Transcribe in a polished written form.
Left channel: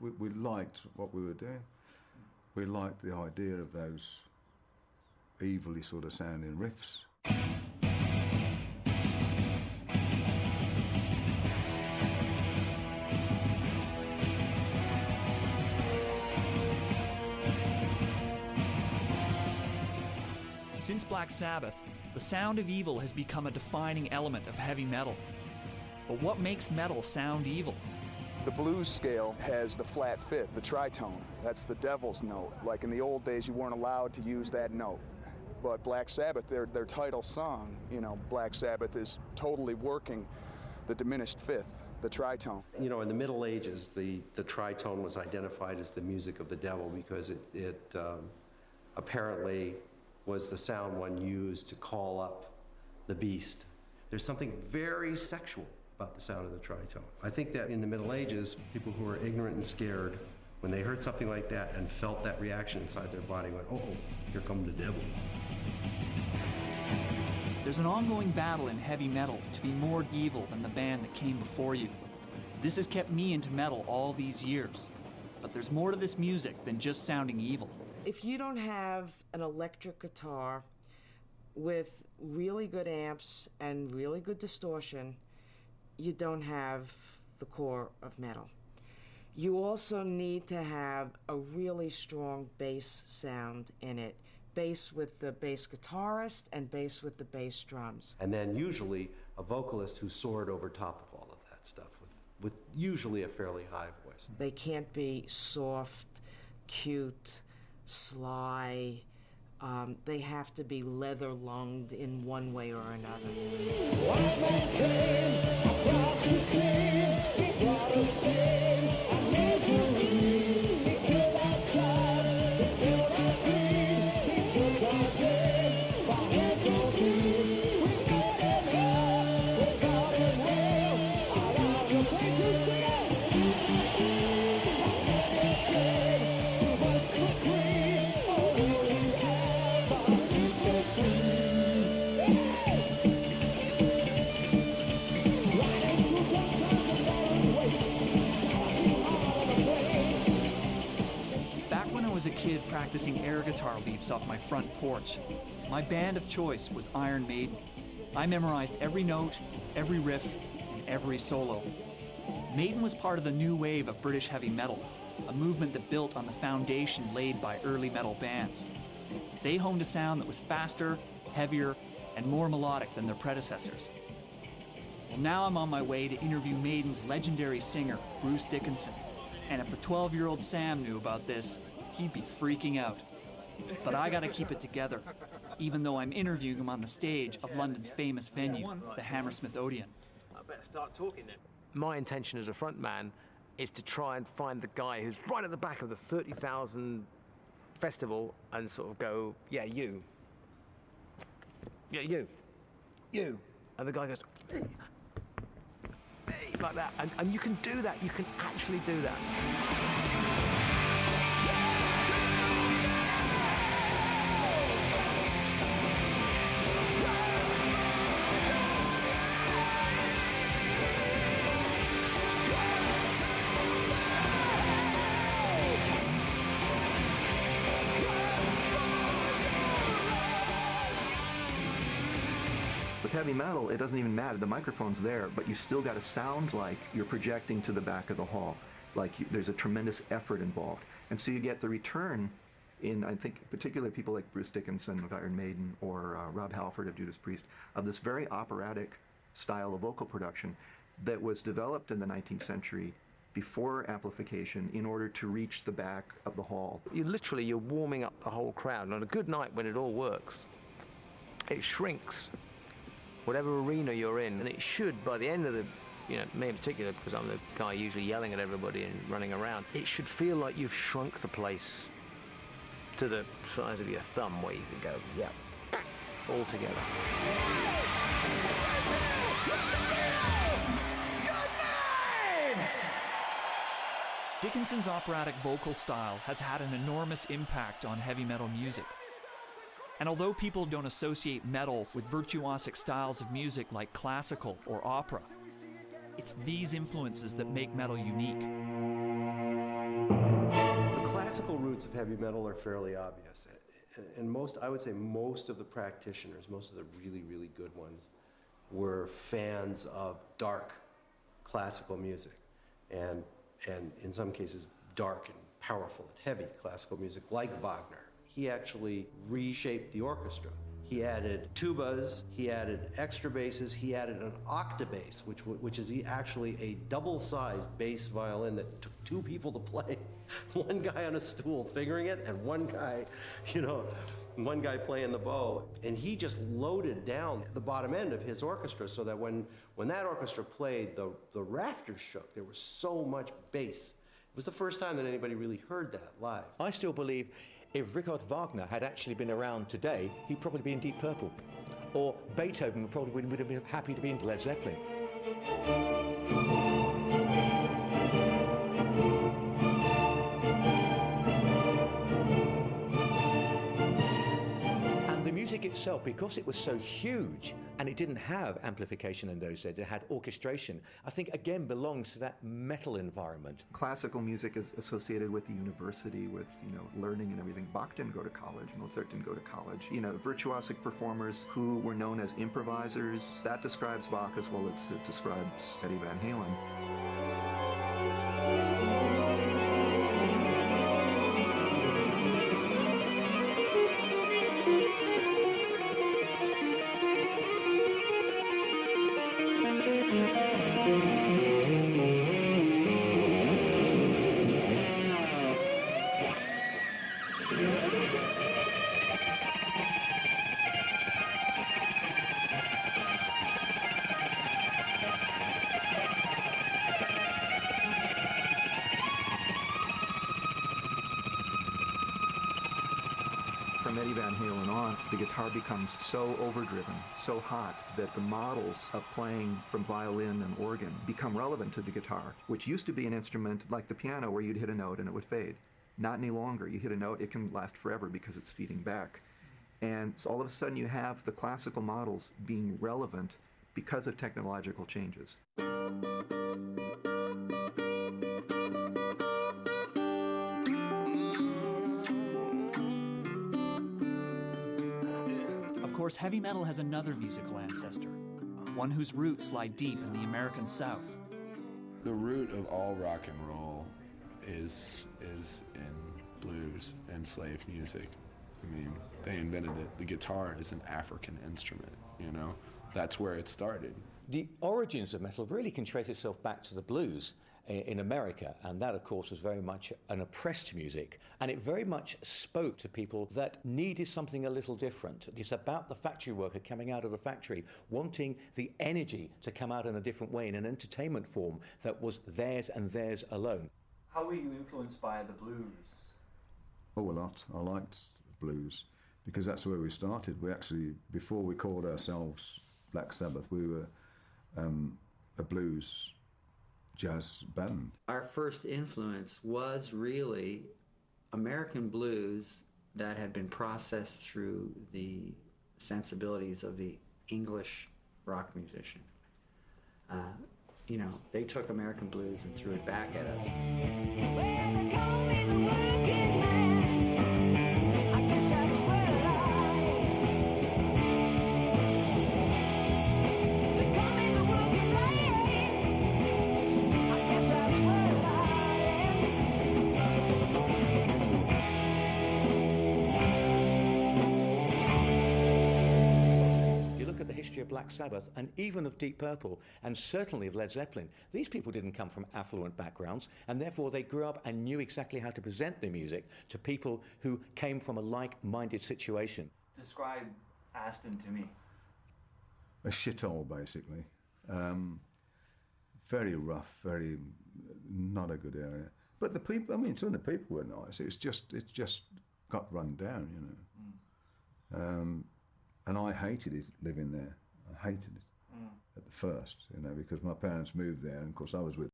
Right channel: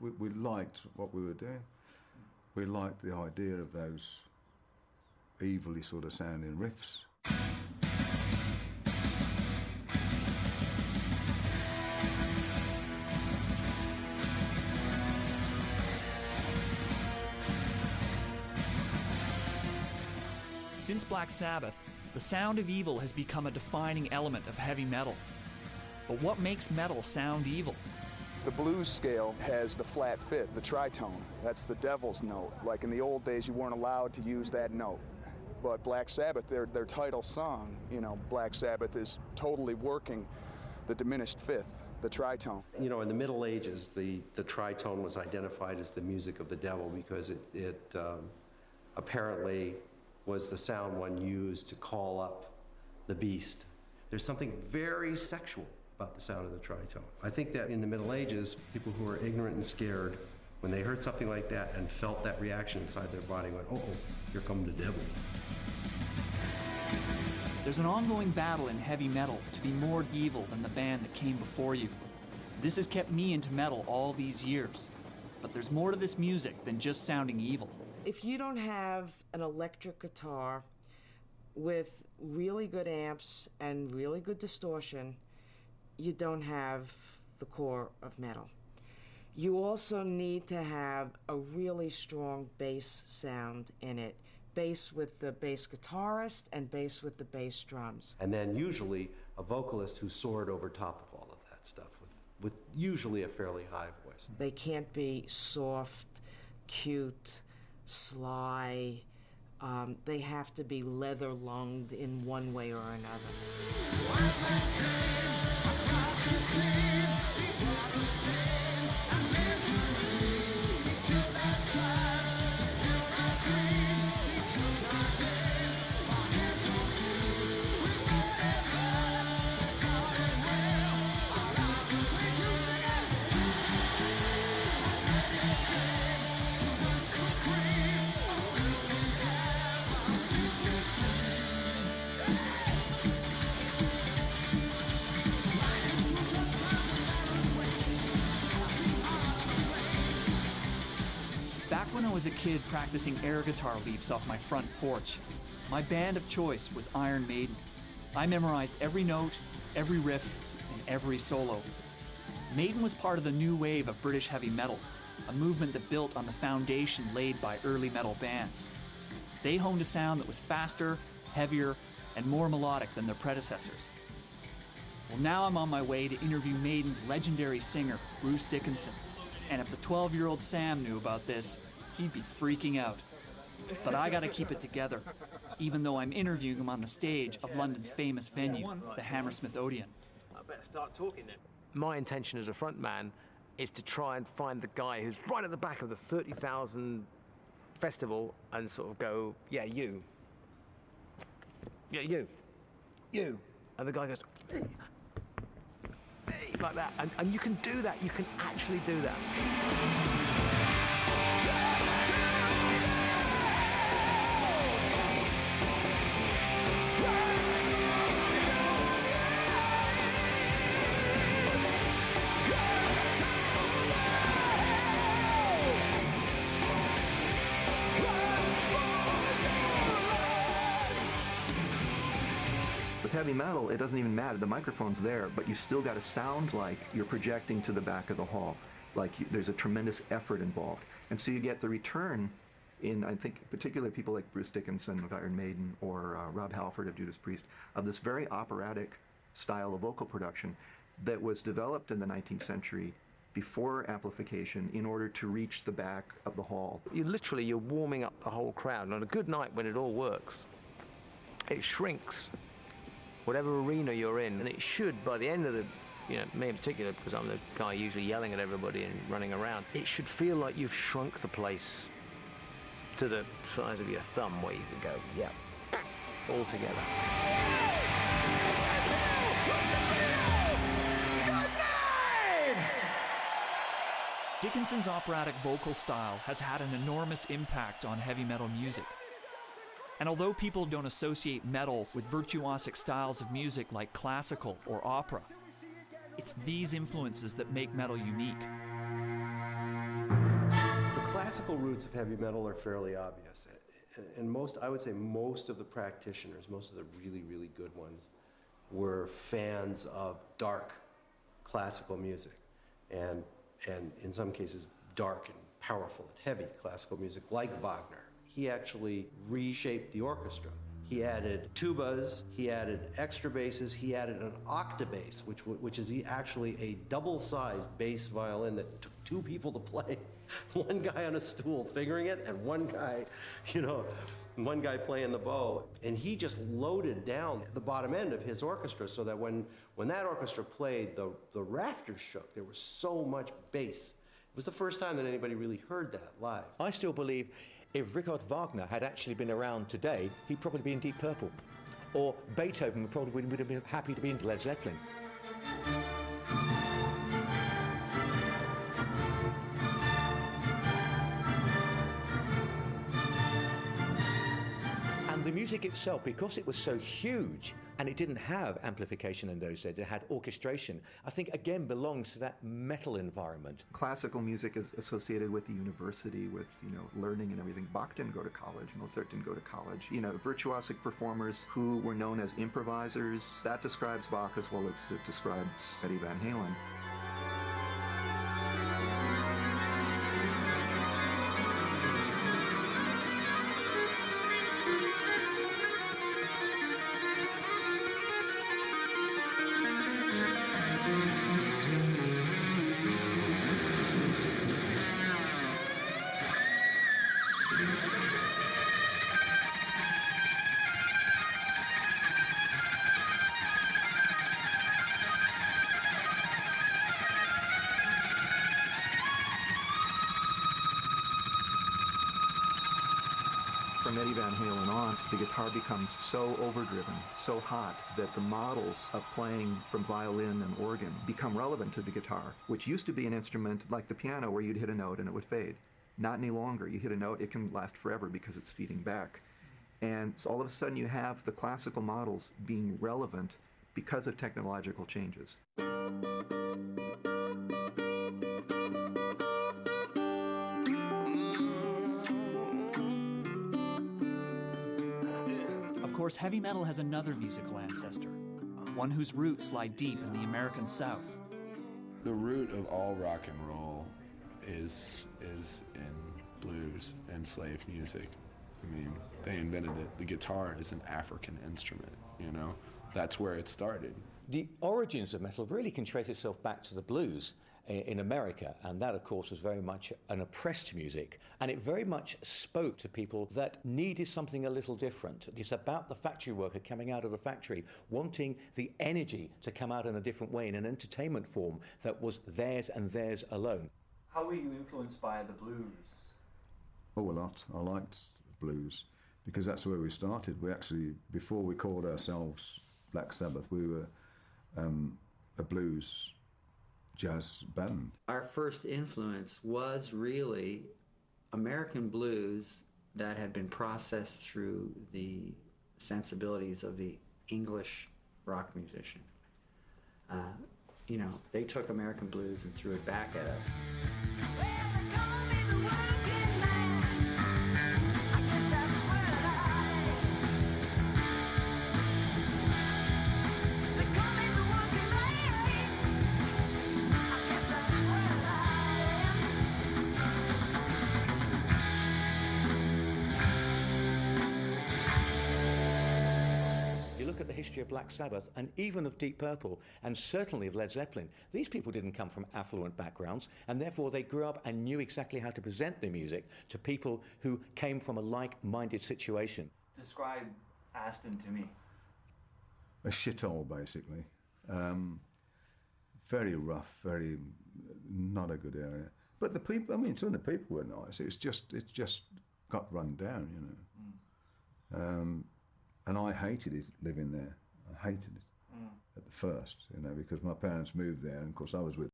we liked what we were doing. We liked the idea of those evilly sort of sounding riffs. Since Black Sabbath, the sound of evil has become a defining element of heavy metal. But what makes metal sound evil? The blues scale has the flat fifth, the tritone. That's the devil's note. Like in the old days, you weren't allowed to use that note. But Black Sabbath, their title song, you know, Black Sabbath is totally working the diminished fifth, the tritone. You know, in the Middle Ages, the tritone was identified as the music of the devil because it apparently was the sound one used to call up the beast. There's something very sexual about the sound of the tritone. I think that in the Middle Ages, people who were ignorant and scared, when they heard something like that and felt that reaction inside their body, went, oh, here comes the devil. There's an ongoing battle in heavy metal to be more evil than the band that came before you. This has kept me into metal all these years. But there's more to this music than just sounding evil. If you don't have an electric guitar with really good amps and really good distortion, you don't have the core of metal. You also need to have a really strong bass sound in it. Bass with the bass guitarist and bass with the bass drums. And then usually a vocalist who soared over top of all of that stuff with usually a fairly high voice. They can't be soft, cute, sly. They have to be leather-lunged in one way or another. White man came across the sea. He brought us pain and misery. He killed our tribes, he killed our creed. He took our game for his own need. We made him hurt, we got him well. Out on the plane to sing it. But then he came too much for cream. Oh, will we ever be set free? Hey! Riding through dust clouds and barren wastes. Gotta be hard on the flames. Back when I was a kid practicing air guitar leaps off my front porch, my band of choice was Iron Maiden. I memorized every note, every riff, and every solo. Maiden was part of the new wave of British heavy metal, a movement that built on the foundation laid by early metal bands. They honed a sound that was faster, heavier, and more melodic than their predecessors. Well, now I'm on my way to interview Maiden's legendary singer, Bruce Dickinson. And if the 12-year-old Sam knew about this, he'd be freaking out. But I gotta keep it together, even though I'm interviewing him on the stage of London's famous venue, the Hammersmith Odeon. I better start talking then. My intention as a front man is to try and find the guy who's right at the back of the 30,000 festival and sort of go, yeah, you. Yeah, you. And the guy goes, hey, like that. And you can do that. You can actually do that. With heavy metal, it doesn't even matter. The microphone's there, but you still got to sound like you're projecting to the back of the hall. Like there's a tremendous effort involved. And so you get the return in, I think, particularly people like Bruce Dickinson of Iron Maiden or Rob Halford of Judas Priest, of this very operatic style of vocal production that was developed in the 19th century before amplification in order to reach the back of the hall. You're warming up the whole crowd. And on a good night when it all works, it shrinks whatever arena you're in, and it should, by the end of the, me in particular, because I'm the guy usually yelling at everybody and running around, it should feel like you've shrunk the place to the size of your thumb, where you can go, yeah, all together. Good night! Dickinson's operatic vocal style has had an enormous impact on heavy metal music. And although people don't associate metal with virtuosic styles of music like classical or opera, it's these influences that make metal unique. classical roots of heavy metal are fairly obvious. And I would say most of the practitioners, most of the really, really good ones, were fans of dark classical music. And in some cases, dark and powerful and heavy classical music, like Wagner. He actually reshaped the orchestra. He added tubas, he added extra basses, he added an octabass, which is actually a double-sized bass violin that took two people to play. One guy on a stool fingering it, and one guy, one guy playing the bow. And he just loaded down the bottom end of his orchestra so that when that orchestra played, the rafters shook. There was so much bass. It was the first time that anybody really heard that live. I still believe if Richard Wagner had actually been around today, he'd probably be in Deep Purple. Or Beethoven probably would have been happy to be in Led Zeppelin. And the music itself, because it was so huge and it didn't have amplification in those days, it had orchestration, I think again belongs to that metal environment. Classical music is associated with the university, with learning and everything. Bach didn't go to college, Mozart didn't go to college. Virtuosic performers who were known as improvisers, that describes Bach as well as it describes Eddie Van Halen. From Eddie Van Halen on, the guitar becomes so overdriven, so hot, that the models of playing from violin and organ become relevant to the guitar, which used to be an instrument like the piano where you'd hit a note and it would fade. Not any longer. You hit a note, it can last forever because it's feeding back. And so all of a sudden you have the classical models being relevant because of technological changes. Of course, heavy metal has another musical ancestor, one whose roots lie deep in the American South. The root of all rock and roll is in blues and slave music. I mean, they invented it. The guitar is an African instrument, That's where it started. The origins of metal really can trace itself back to the blues in America, and that, of course, was very much an oppressed music, and it very much spoke to people that needed something a little different. It's about the factory worker coming out of the factory, wanting the energy to come out in a different way, in an entertainment form that was theirs and theirs alone. How were you influenced by the blues? Oh, a lot. I liked blues because that's where we started. We actually, before we called ourselves Black Sabbath, we were a blues jazz band. Our first influence was really American blues that had been processed through the sensibilities of the English rock musician. They took American blues and threw it back at us. Look at the history of Black Sabbath and even of Deep Purple and certainly of Led Zeppelin. These people didn't come from affluent backgrounds, and therefore they grew up and knew exactly how to present their music to people who came from a like-minded situation. Describe Aston to me. A shithole, basically. Very rough, very not a good area. But the people, some of the people were nice. It just got run down, And I hated it living there. I hated it at the first, because my parents moved there, and of course I was with